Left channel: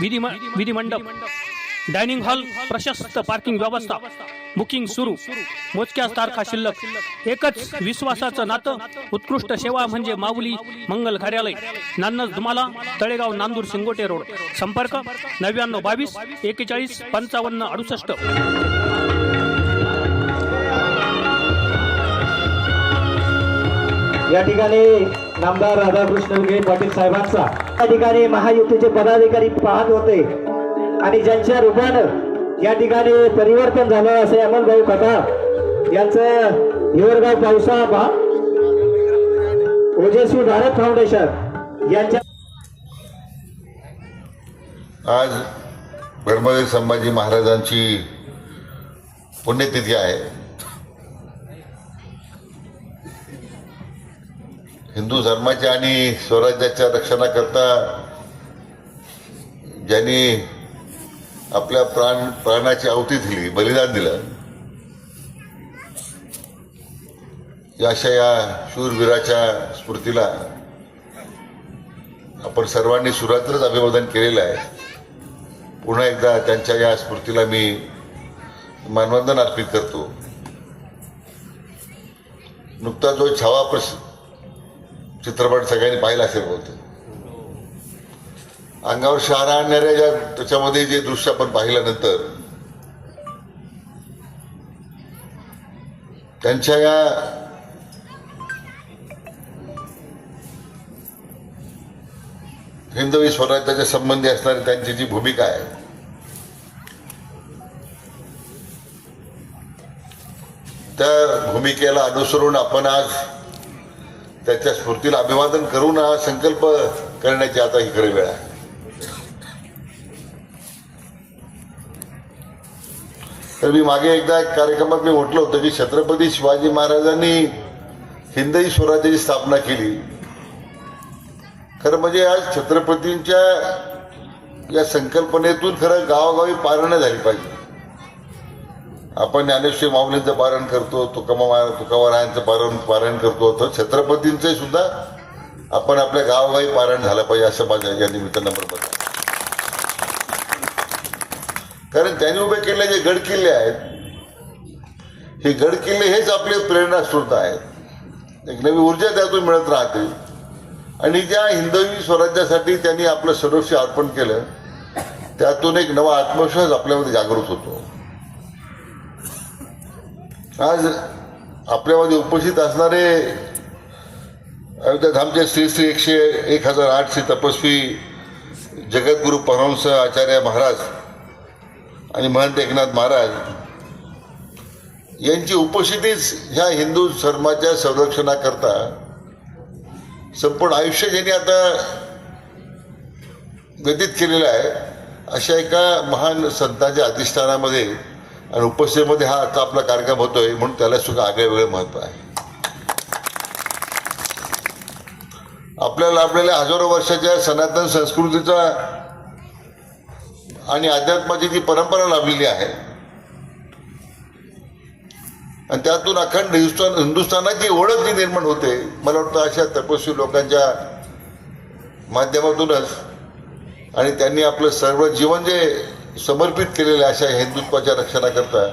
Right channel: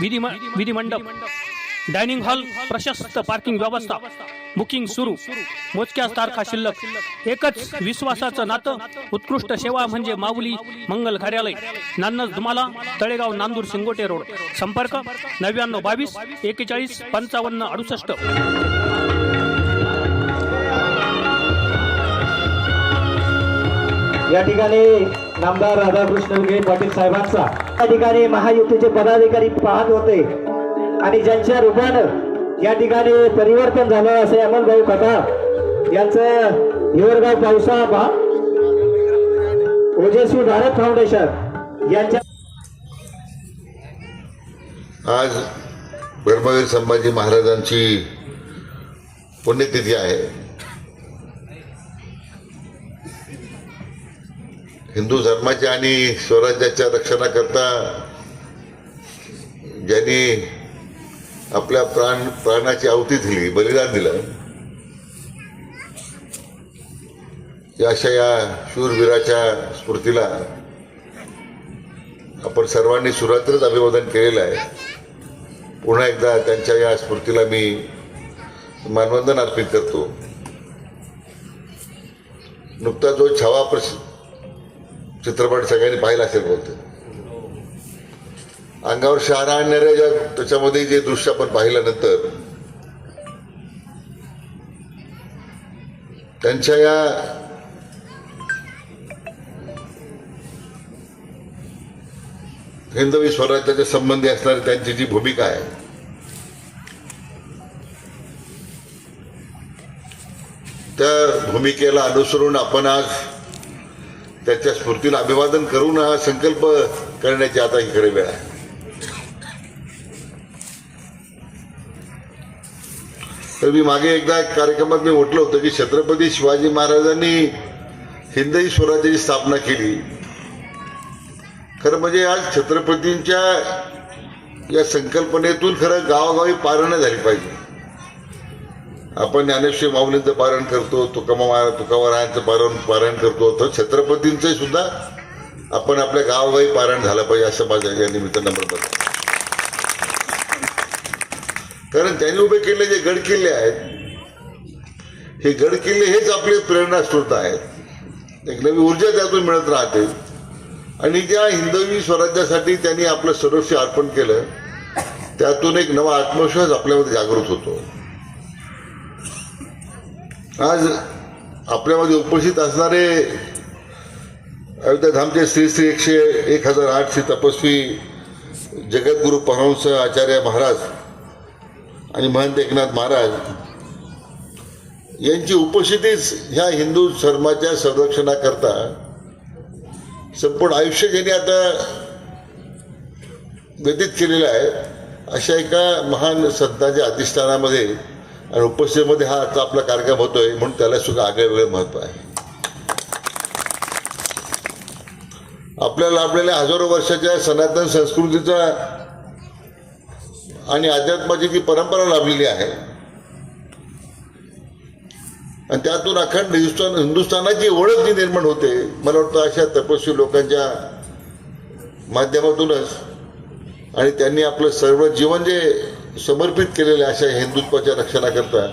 विधिमंडप. Dining hall प्रशस्त parking व्यवस्था. Booking सुरू. मोजक्याच तारखा शिल्लक. एकच विश्वासाचं नातं. उत्कृष्ट सेवा म्हणजे माऊली मंगल कार्यालय. नान्नज धुमाला तळेगाव नांदूर शिंगोटे रोड. संपर्क नव्याण्णव बावीस एकेचाळीस पंचावन्न अडुसष्ट. या ठिकाणी नामदार राधाकृष्ण विखे पाटील साहेबांचा ठिकाणी महायुतीचे पदाधिकारी पाहत होते. आणि ज्यांच्या रूपानं या ठिकाणी परिवर्तन झालं असे भाऊ कथा यांचं हिवरगाव पावसा बा ओजस्वी भारत फाउंडेशन यांच्या आज धर्मवीर संभाजी महाराजांची पुण्यतिथी आहे. हिंदू धर्माच्या आणि स्वराज्याच्या रक्षणाकरता ज्यांनी आपल्या प्राण प्राणाची आहुती दिली बलिदान दिलं या अशा या शूरवीराच्या स्मृतीला आपण सर्वांनी सुरात्रच अभिवादन केलेलं आहे. पुन्हा एकदा त्यांच्या या स्मृतीला मी मानवंदन अर्पित करतो. नुकता जो छावा प्रस चित्रपट सगळ्यांनी पाहिला असेल बोलतो अंगावर शहारा आणणाऱ्या ज्या त्याच्यामध्ये जे दृश्य आपण पाहिल्यानंतर त्यांच्या या हिंदवी स्वराज्याच्या संबंधी असणारी त्यांची जी भूमिका आहे त्या भूमिकेला अनुसरून आपण आज त्याच्या स्फूर्तीला अभिवादन करून हा संकल्प करण्याची आता ही खरी वेळ आहे. तर मी मागे एकदा एक कार्यक्रमात मी म्हटलं होतं की छत्रपती शिवाजी महाराजांनी हिंदवी स्वराज्याची स्थापना केली. खरं म्हणजे आज छत्रपतींच्या या संकल्पनेतून खरं गावोगावी पारणं झाली पाहिजे. आपण ज्ञानेश्वर माऊलींचं पारण करतो तुकामा तुकारायांचं पारण पारायण करतो तर छत्रपतींचं सुद्धा आपण आपल्या गावोगावी पारायण झालं पाहिजे असं माझ्या या निमित्तानं म्हणतात कारण त्यांनी उभे केलेले जे गड किल्ले आहेत हे गड किल्ले हेच आपले प्रेरणास्रोत आहेत. एक नवी ऊर्जा त्यातून मिळत राहते. आणि ज्या हिंदवी स्वराज्यासाठी त्यांनी आपलं सर्वस्व अर्पण केलं त्यातून एक नवा आत्मविश्वास आपल्यामध्ये जागृत होतो. आज आपल्यामध्ये उपस्थित असणारे अयोध्याधामचे श्री श्री एकशे एक हजार आठशे तपस्वी जगद्गुरु परमहंस आचार्य महाराज आणि महंत एकनाथ महाराज यांची उपस्थितीच ह्या हिंदू धर्माच्या संरक्षणाकरता संपूर्ण आयुष्य ज्यांनी आता व्यतीत केलेलं आहे अशा एका महान संतांच्या अधिष्ठानामध्ये आणि उपस्थितीमध्ये हा आता आपला कार्यक्रम होतोय म्हणून त्याला सुद्धा आगळे वेगळे महत्त्व आहे. आपल्याला आपल्याला हजारो वर्षाच्या सनातन संस्कृतीचा आणि अध्यात्माची जी परंपरा लाभलेली आहे आणि त्यातून अखंड हिंदुस्थान हिंदुस्थानाची ओळख जी निर्माण होते मला वाटतं अशा तपस्वी लोकांच्या माध्यमातूनच आणि त्यांनी आपलं सर्व जीवन जे समर्पित केलेल्या अशा हिंदुत्वाच्या रक्षणाकरता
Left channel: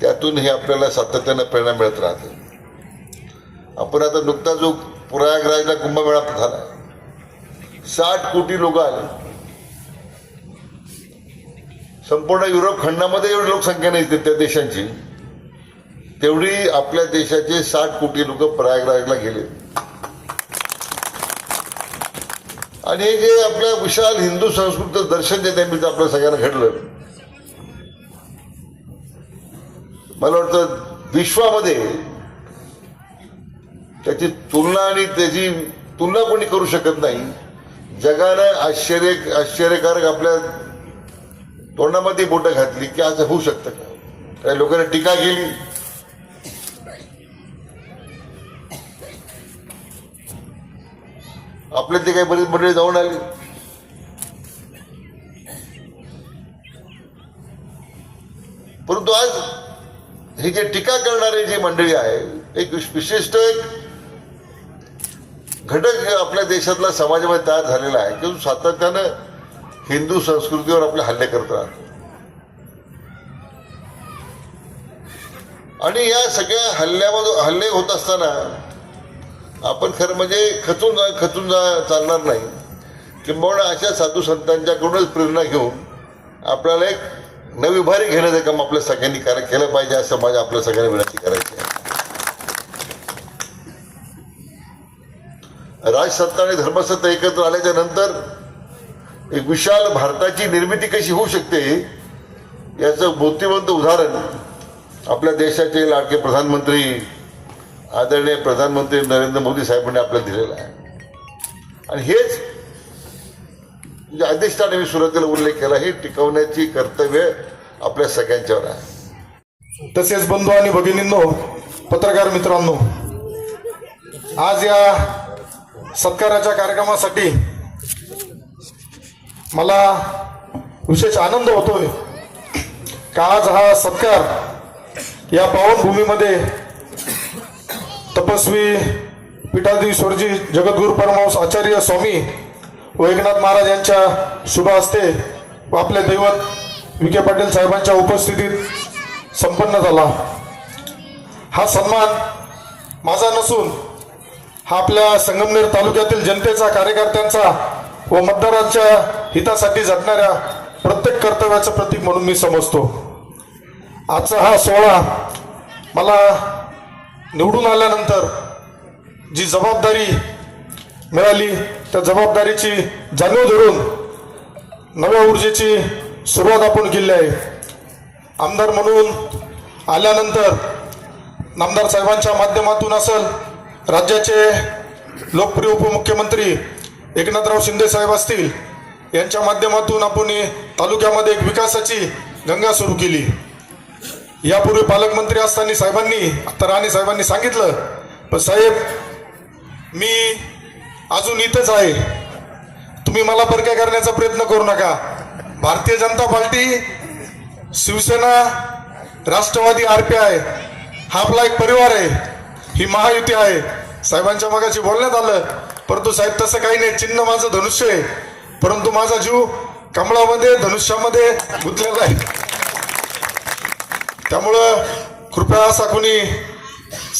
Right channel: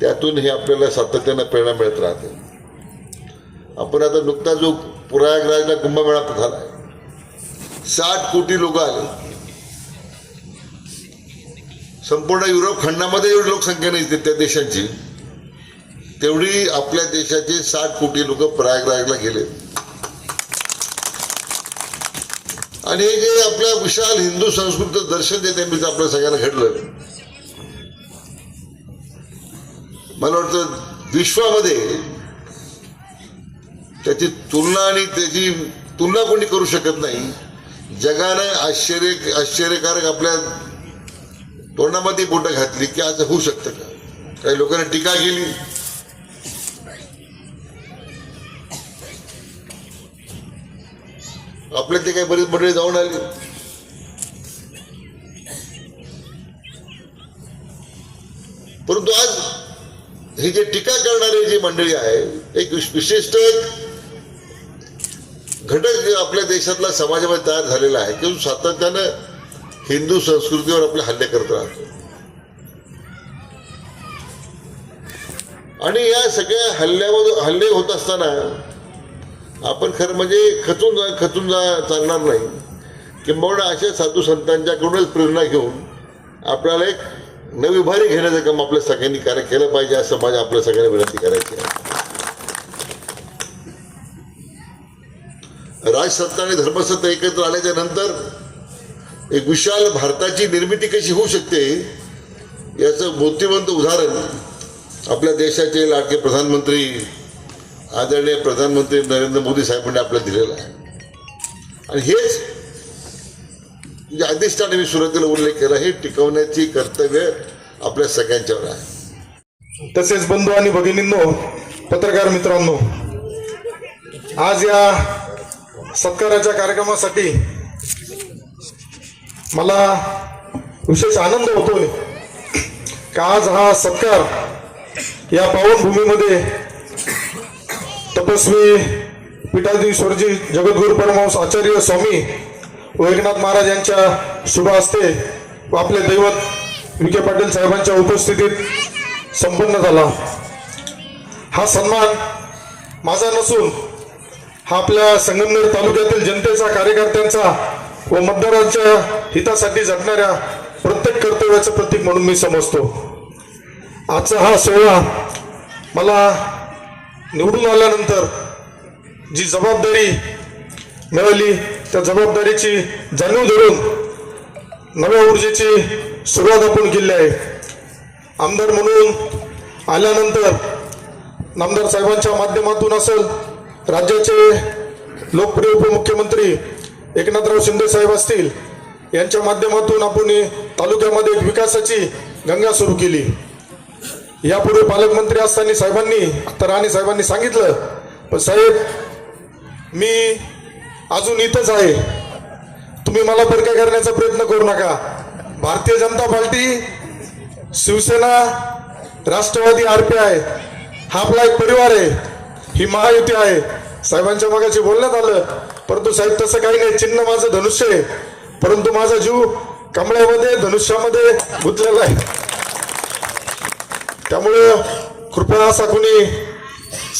त्यातून हे आपल्याला सातत्यानं प्रेरणा मिळत राहते. आपण आता नुकता जो प्रयागराजला कुंभमेळा झाला साठ कोटी लोक आले. संपूर्ण युरोप खंडामध्ये एवढी लोकसंख्या नाही त्या देशांची. तेवढी आपल्या देशाचे साठ कोटी लोक प्रयागराजला गेले. आणि हे जे आपल्या विशाल हिंदू संस्कृतीचं दर्शन जे त्यांनी आपल्या सगळ्यांना घडलं मला वाटतं विश्वामध्ये त्याची तुलना आणि त्याची तुलना कोणी करू शकत नाही. जगानं आश्चर्य आश्चर्यकारक आपल्या तोंडामध्ये बोटं घातली की असं होऊ शकतं का? काही लोकांनी टीका केली. आपले ते काही बरीच मंडळी जाऊन आली. परंतु आज ही जे टीका करणारे जी मंडळी आहे एक विशिष्ट एक घटक आपल्या देशातला समाजामध्ये तयार झालेला आहे की सातत्यानं हिंदू संस्कृतीवर आपले हल्ले करत राहतो. आणि या सगळ्या हल्ल्यामध्ये हल्ले होत असताना आपण खरं म्हणजे खचून जा खचून जा चालणार नाही. किंबहुना अशा साधू संतांच्याकडूनच प्रेरणा घेऊन आपल्याला एक नवी उभारी घेण्याचं काम आपल्या सगळ्यांनी कार्य केलं पाहिजे असं माझ्या आपल्या सगळ्यांना विनंती करायची आहे. राजसत्ता आणि धर्मसत्ता एकत्र आल्याच्यानंतर एक विशाल भारताची निर्मिती कशी होऊ शकते याचं मूर्तिमंत उदाहरण आपल्या देशाचे लाडके प्रधानमंत्री आदरणीय प्रधानमंत्री नरेंद्र मोदी साहेबांनी आपल्याला दिलेलं आहे. आणि हेच म्हणजे अधिष्ठाने मी सुरुवातीला उल्लेख केला हे टिकवण्याची कर्तव्य आपल्या सगळ्यांच्यावर आहे. तसेच बंधू आणि भगिनींनो पत्रकार मित्रांनो आज या सत्काराच्या कार्यक्रमासाठी मला विशेष आनंद होतोय का आज हा सत्कार या पावनभूमीमध्ये तपस्वी पीठाधीश्वरजी जगद्गुरु परमहंस आचार्य स्वामी व एकनाथ महाराज यांच्या शुभ हस्ते व आपले दैवत विखे पाटील साहेबांच्या उपस्थितीत संपन्न झाला. हा सन्मान माझा नसून हा आपल्या संगमनेर तालुक्यातील जनतेचा कार्यकर्त्यांचा व मतदारांच्या हितासाठी झटणाऱ्या प्रत्येक कर्तव्याचं प्रतीक म्हणून मी समजतो. आजचा हा सोहळा मला निवडून आल्यानंतर जी जबाबदारी मिळाली त्या जबाबदारीची जाणीव धरून नव्या ऊर्जेची सुरुवात आपण केली आहे. आमदार म्हणून आल्यानंतर नामदार साहेबांच्या माध्यमातून असेल राज्याचे लोकप्रिय उपमुख्यमंत्री एकनाथराव शिंदे साहेब असतील यांच्या माध्यमातून आपण तालुक्यामध्ये एक विकासाची गंगा सुरू केली. यापूर्वी पालकमंत्री असताना साहेबांनी आता राणे साहेबांनी सांगितलं पण साहेब मी अजून इथंच आहे. तुम्ही मला बरक्या करण्याचा प्रयत्न करू नका. भारतीय जनता पार्टी शिवसेना राष्ट्रवादी आरपीआय हा आपला एक परिवार आहे. ही महायुती आहे. साहेबांच्या मगाशी बोलण्यात आलं परंतु साहेब तसं काही नाही. चिन्ह माझं धनुष्य आहे. परंतु माझा जीव कमळामध्ये धनुष्यामध्ये गुंतलेला आहे. त्यामुळं कृपया असा कुणी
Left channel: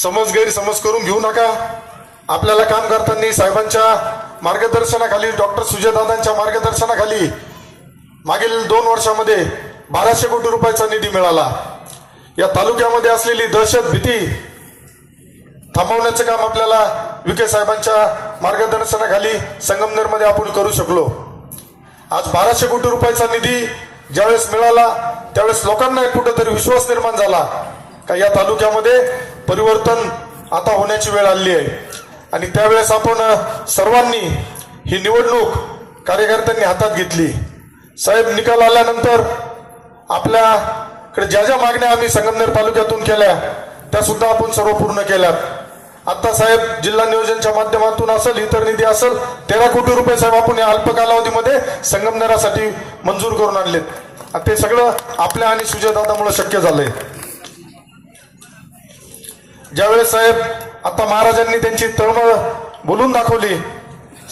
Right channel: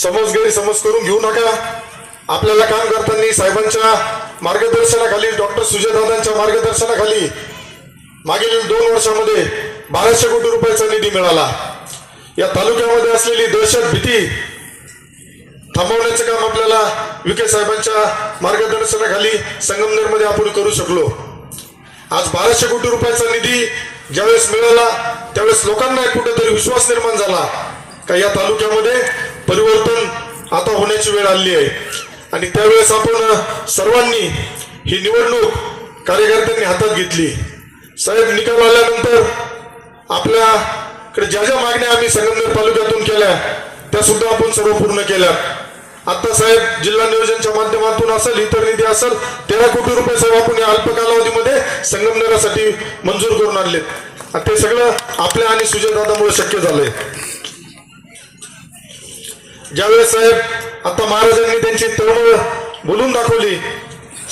समज गैरसमज करून घेऊ नका. आपल्याला काम करताना साहेबांच्या मार्गदर्शनाखाली डॉक्टर सुजयदादांच्या मार्गदर्शनाखाली मागील दोन वर्षामध्ये बाराशे कोटी रुपयाचा निधी मिळाला. या तालुक्यामध्ये असलेली दहशत भीती थांबवण्याचं काम आपल्याला विखे साहेबांच्या मार्गदर्शनाखाली संगमनेरमध्ये आपण करू शकलो. आज बाराशे कोटी रुपयाचा निधी ज्यावेळेस मिळाला त्यावेळेस लोकांना कुठेतरी विश्वास निर्माण झाला का या तालुक्यामध्ये परिवर्तन आता होण्याची वेळ आली आहे. आणि त्यावेळेस आपण सर्वांनी ही निवडणूक कार्यकर्त्यांनी हातात घेतली. साहेब निकाल आल्यानंतर आपल्याकडे ज्या ज्या मागण्या आम्ही संगमनेर तालुक्यातून केल्या त्या सुद्धा आपण सर्व पूर्ण केल्या. आता साहेब जिल्हा नियोजनच्या माध्यमातून असेल इतर निधी असेल तेरा कोटी रुपये साहेब आपण या अल्प कालावधीमध्ये संगमनेरासाठी मंजूर करून आणलेत. आणि ते सगळं आपल्या आणि सुजयदादामुळे शक्य झालंय. ज्यावेळेस साहेब आता महाराजांनी त्यांची तळमळ बोलून दाखवली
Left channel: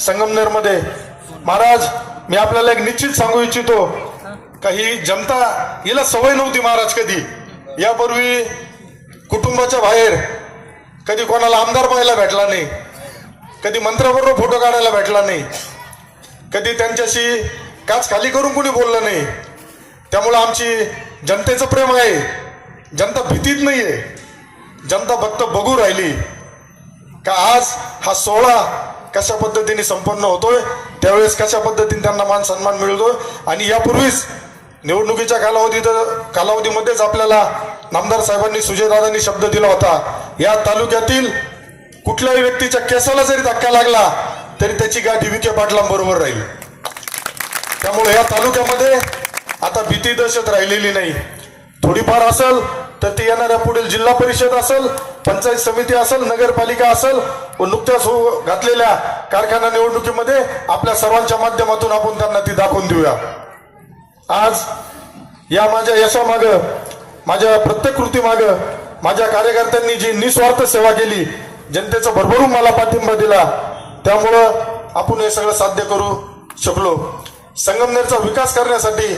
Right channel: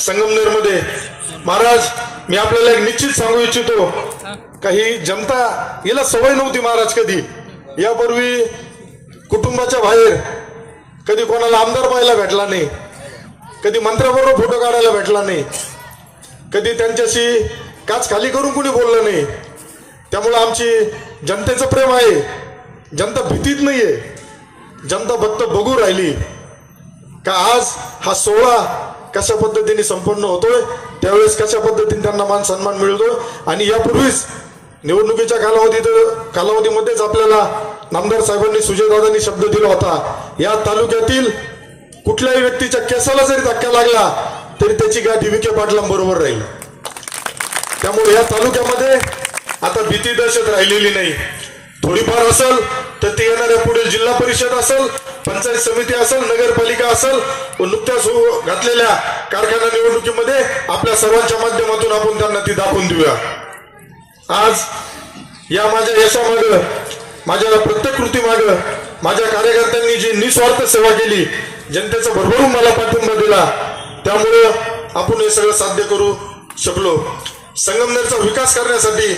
संगमनेरमध्ये महाराज मी आपल्याला एक निश्चित सांगू इच्छितो काही जमता जनता हिला सवय नव्हती महाराज कधी. यापूर्वी कुटुंबाच्या बाहेर कधी कोणाला आमदार पाहायला भेटला नाही कधी मंत्र्याबरोबर फोटो काढायला भेटला नाही कधी त्यांच्याशी काच खाली करून कोणी बोललं नाही. त्यामुळे आमची जनतेचं प्रेम आहे. जनता भीतीत नाही आहे जनता फक्त बघू राहिली. का आज हा सोहळा कशा पद्धतीने संपन्न होतोय त्यावेळेस कशा पद्धतीने त्यांना मान सन्मान मिळतो आणि यापूर्वीच निवडणुकीच्या कालावधीत कालावधीमध्येच आपल्याला नामदार साहेबांनी सुजयदादांनी शब्द दिला होता. या तालुक्यातील कुठल्याही व्यक्तीच्या केसाला जरी धक्का लागला तरी त्याची गाठी विखे पाटलांबरोबर राहील. त्यामुळे या तालुक्यामध्ये आता भीती दहशत राहिलेली नाही. थोडीफार असेल तर ती येणाऱ्या पुढील जिल्हा परिषद असेल पंचायत समिती असेल नगरपालिका असेल व नुकत्याच हो घातलेल्या कारखाना निवडणुकीमध्ये आपल्या सर्वांच्या माध्यमातून आपण त्यांना ती दाखवून देऊया. आज या माझ्या यशामाग माझ्या प्रत्येक कृतीमाग माझ्या कार्यकर्त्यांनी जी निस्वार्थ सेवा केली जनतेचा भरभरून मला पाठिंबा दिला त्यामुळं आपण हे सगळं साध्य करू शकलो. संगमनेरचा विकास करण्यासाठी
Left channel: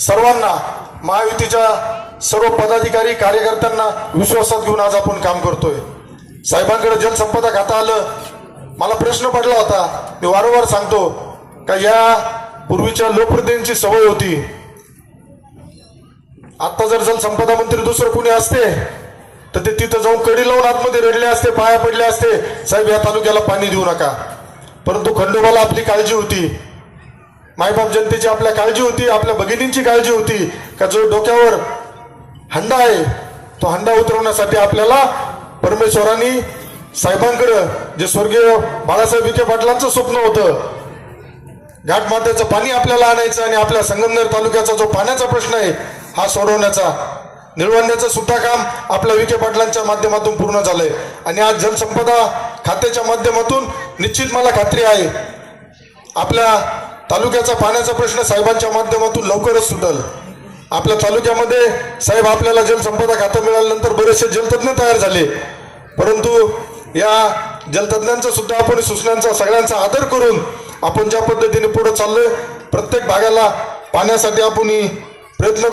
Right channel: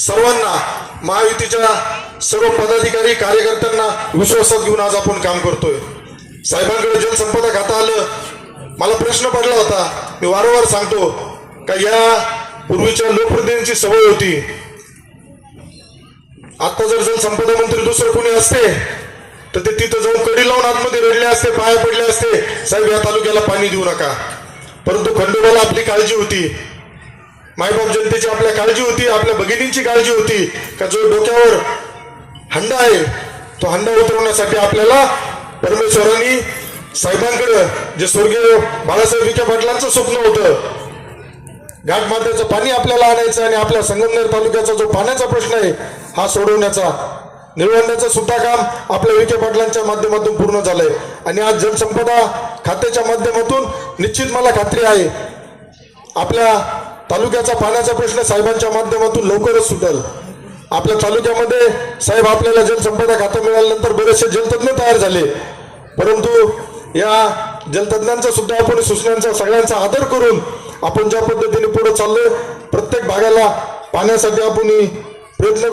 सर्वांना महायुतीच्या सर्व पदाधिकारी कार्यकर्त्यांना विश्वासात घेऊन आज आपण काम करतोय. साहेबांकडे जलसंपदा खाता आलं. मला प्रश्न पडला होता. मी वारंवार सांगतो का या पूर्वीच्या लोकप्रतिनिधींची सवय होती. आता जर जलसंपदा मंत्री दुसरं कोणी असते तर ते तिथं जाऊन कडी लावून आतमध्ये रडले असते पाया पडले असते. साहेब या तालुक्याला पाणी देऊ नका. परंतु खंडोबाला आपली काळजी होती. मायबाप जनतेची आपल्या काळजी होती आपल्या भगिनींची काळजी होती का जो डोक्यावर हंडा आहे तो हंडा उतरवण्यासाठी आपल्याला परमेश्वरांनी साहेबांकडे जे स्वर्गीय बाळासाहेब विखे पाटलांचं स्वप्न होतं घाटमात्याचं पाणी आपल्याला आणायचं आणि आपल्या संगमनेर तालुक्याचा जो पाण्याचा प्रश्न आहे हा सोडवण्याचा निळवण्याचं सुद्धा काम आपल्या विखे पाटलांच्या माध्यमातून पूर्ण झालंय. आणि आज जलसंपदा खात्याच्या माध्यमातून निश्चित मला खात्री आहे आपल्या तालुक्याचा पाण्याचा प्रश्न साहेबांच्या माध्यमातून लवकरच सुटेल. आपल्या तालुक्यामध्ये साहेब आपल्याला जलसंपदा खातं मिळाल्यानंतर बरेचसे जलतज्ञ तयार झाले. परंतु या जलतज्ञांचा सुद्धा आपण सूचनांचा सगळ्यांचा आदर करून आपण ज्या पद्धतीने पुढे चाललोय प्रत्येक भागाला पाण्यासाठी आपण प्रयत्न